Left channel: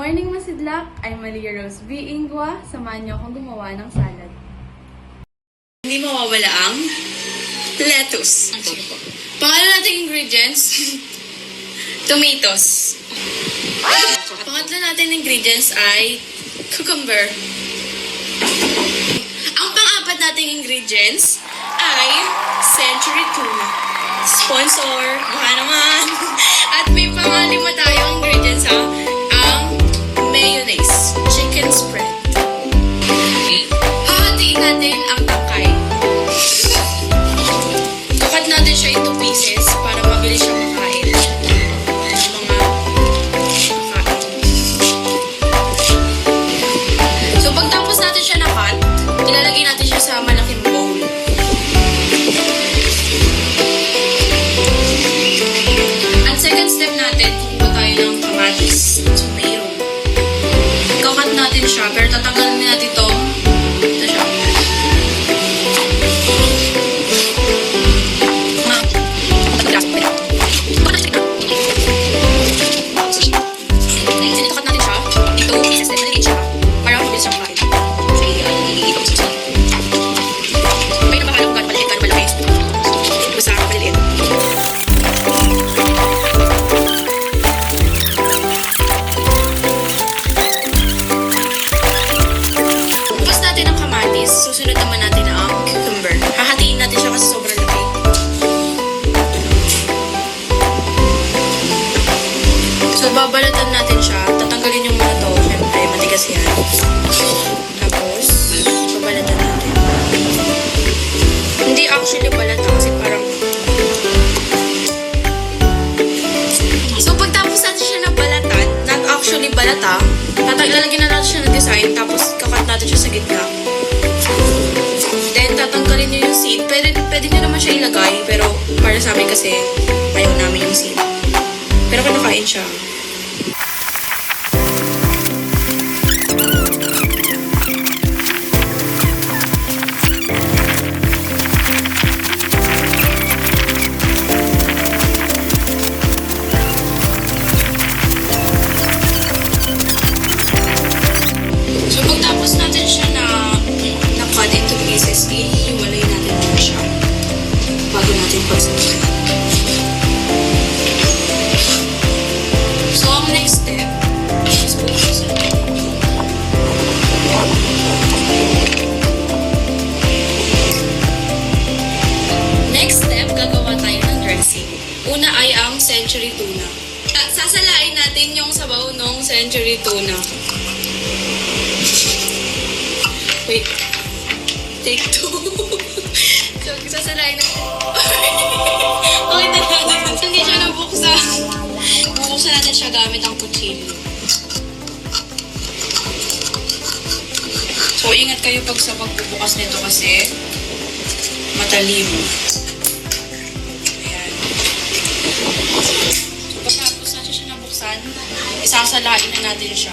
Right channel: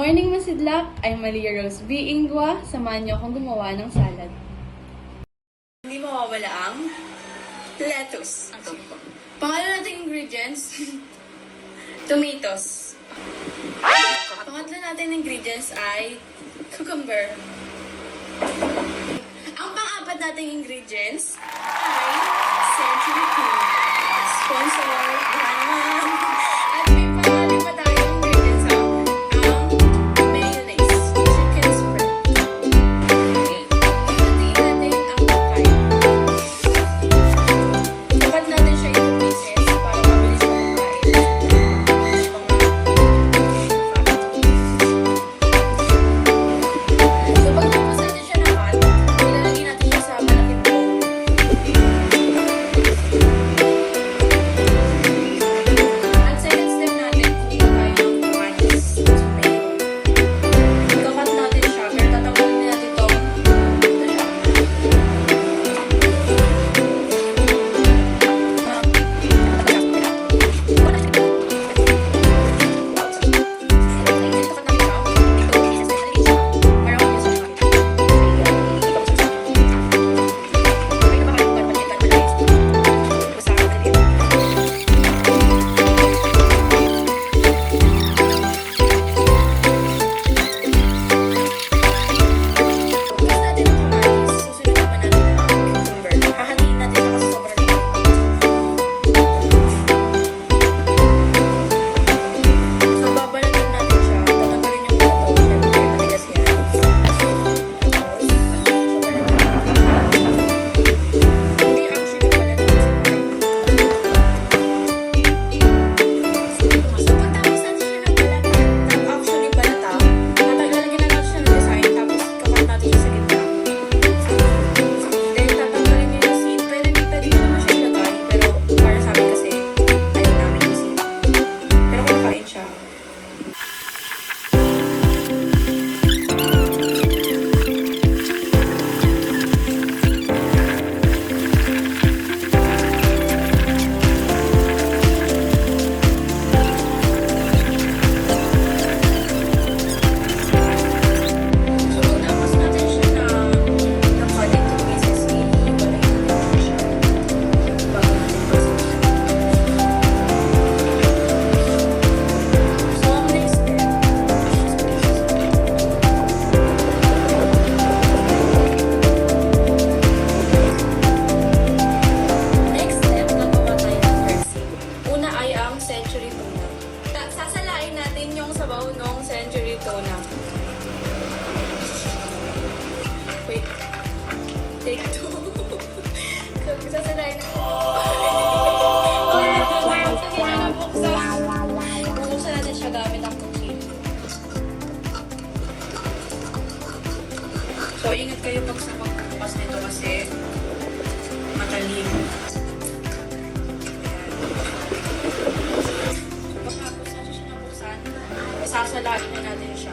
morning, Masidlak! I'm Malia Rose B. Ingwa. Samahan niyo akong gumawa ng salad. Hindi mawawala ang lettuce. Pangalan nating ingredients, tomatoes. Pangatlo natin ingredients ay cucumber. Ang pang-apat nating ingredients ay century tuna. Sponsor, baka naman. At may pangalima tayong ingredients ang mayonnaise, chicken spread. Hahatiin natin ang tangkay. Tukat natin siya into pieces para mabilis siya makain. So pagtapos natin siya na-cut, ilalagay natin siya sa malaking bowl. At second step natin, kung tayo ng kamatis at tomato. Ikakat natin siya, pero tatanggalin natin itong ito siya. Itukat natin siya, into pieces, then nalagay siya, para mabilis siya makain. May napakalang gano'n maliit, gano'n malaki. Basta maliliit. Bukas natin ang kamatis, susunod naman natin ang cucumber. Hahatiin natin siya kasi sobrang laki. So, babalatan natin siya. Tatanggalin yung mga to. Siyempre, matigas yan. Tapos, babalatan natin. Hindi actually balatan kasi parang... So, pagtapos natin siya na balatan, not actually balata, lalagyan na natin siya ng design, tapos kakat natin siya sa gitna. Then, tatanggalin niyo yung seed. Pwede niyo naman siya ilagay, pero para sa amin kasi, ayaw namin yung seed. Pero kinakain siya. So, pagtapos natin siya na-cut into pieces, ihiwalay natin muna siya bago natin pagsasabi. So, ang next step is put siya sa next step, gagawa tayo ng dressing. Una ay ang century tuna. Sasalain natin yung sabaw ng century tuna. Wait. Take two. So, sasalain natin. Okay na lang. Hindi siya nabuksan. Bubuksan natin siya gamit ang kutsilyo. So, ingat kayo pag sa pagbubukas nito kasi matalim. Ayan. So, pagkatapos natin siya nabuksan, isasalain na natin siya.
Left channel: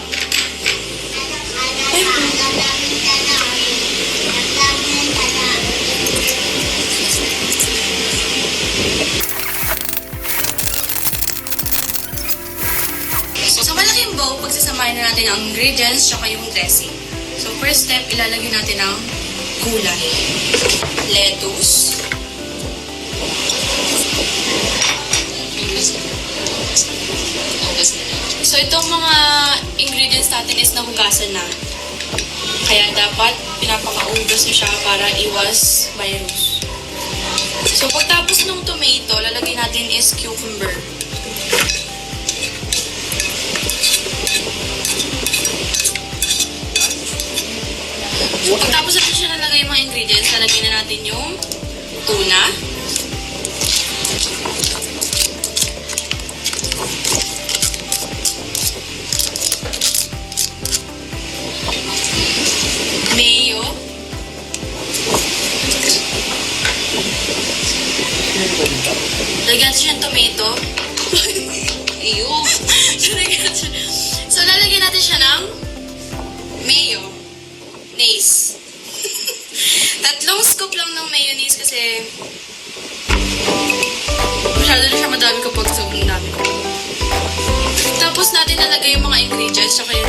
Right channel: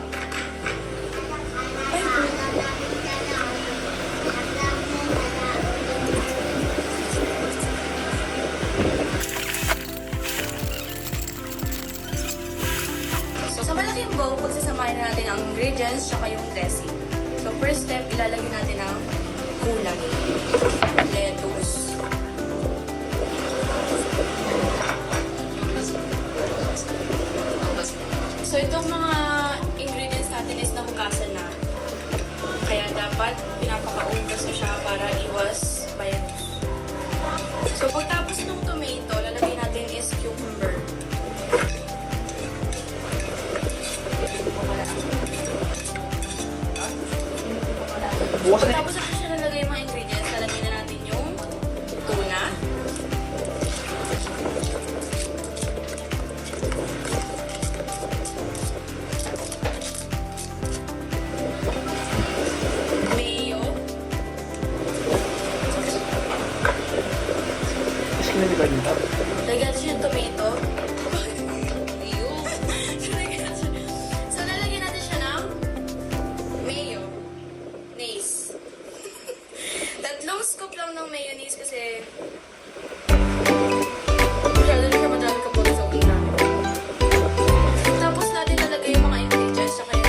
Ay, so, sa malaking bowl, pagsasamahin na natin ang ingredients tsaka yung dressing. So, first step, ilalagay natin ang gulay. Lettuce. So, itong mga ingredients natin is nahugasan na. Kaya dapat pinapakaugas na siya para iwas virus. So, pagtapos ng tomato, lalagay natin is cucumber. Pagtapos natin siya nalagay yung mga ingredients, lalagay na natin yung tuna. Mayo. Lagyan siya ng tomato. Ew. So, lalagyan natin siya ng mayonnaise. Tatlong scoop lang ng mayonnaise kasi masyado na siya madami kapag sobrang dami. Tapos natin nalagay yung mga ingredients tsaka yung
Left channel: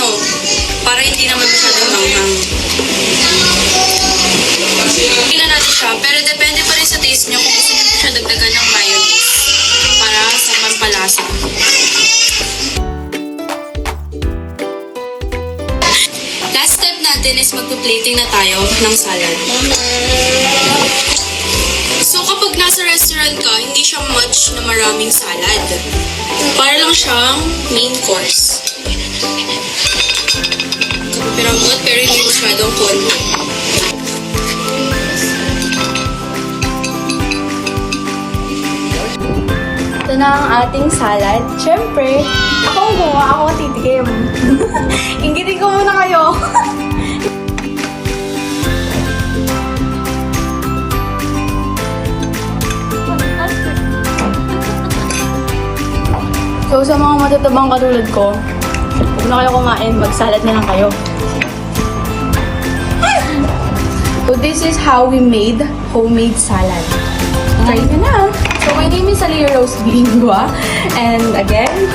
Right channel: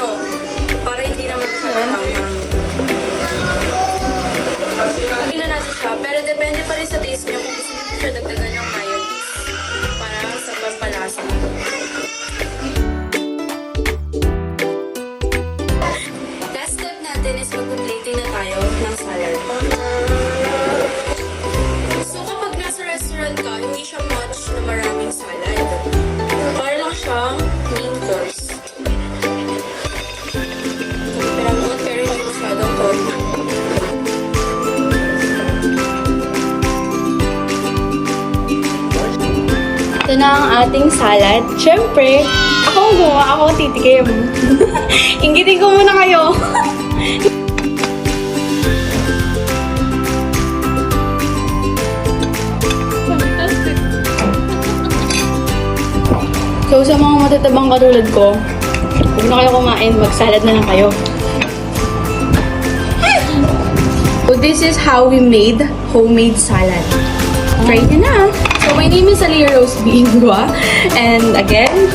no? Para hindi naman masyadong manghang. Tingnan natin siya, pero depende pa rin sa taste nyo kung gusto nyo siya dagdagan ng mayonnaise para sa pampalasa. Last step natin is magpa-plating na tayo ng salad. So kapag nasa restaurant ka, hindi siya much na maraming salad. Para lang siyang main course. Pero hindi masyadong konti. Ito na ang ating salad. Siyempre, kung gumawa ako titikim. Inggitin ko muna kayo. So, sa mga matatabang katulad ko, huwag na kayo kumain, mag-salad na lang kayo. So, this is how we made homemade salad. Try nyo na! So, my name is Aliyah Rose Bingwa. And again,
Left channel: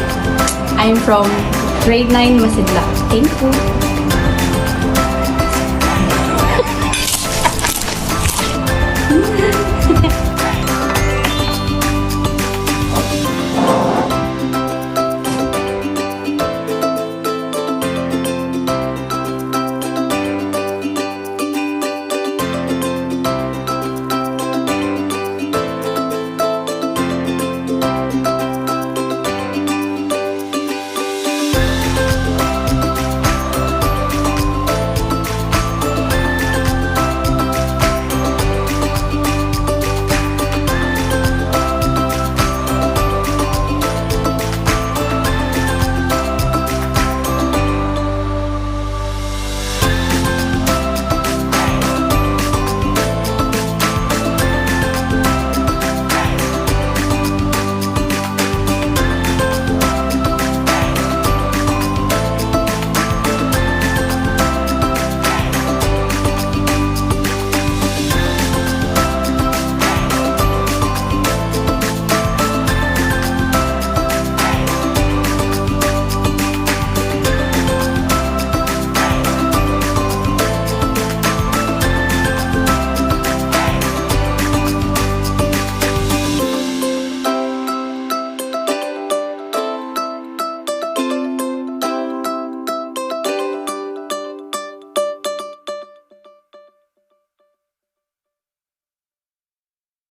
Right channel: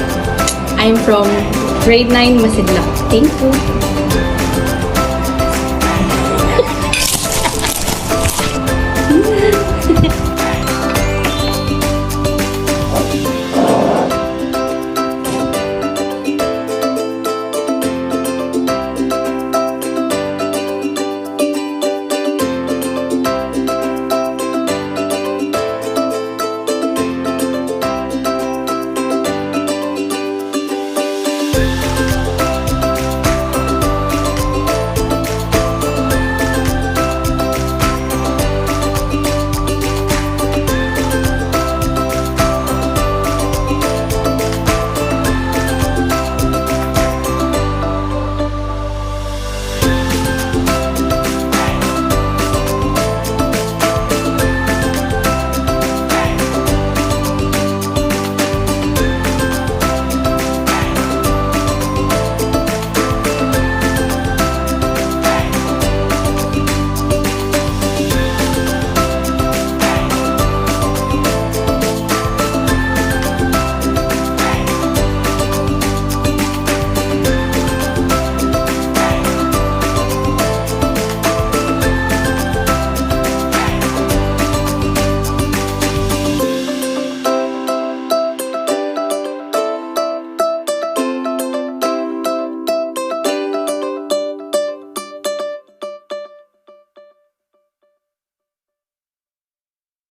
I'm from grade 9 Masidla. Thank you!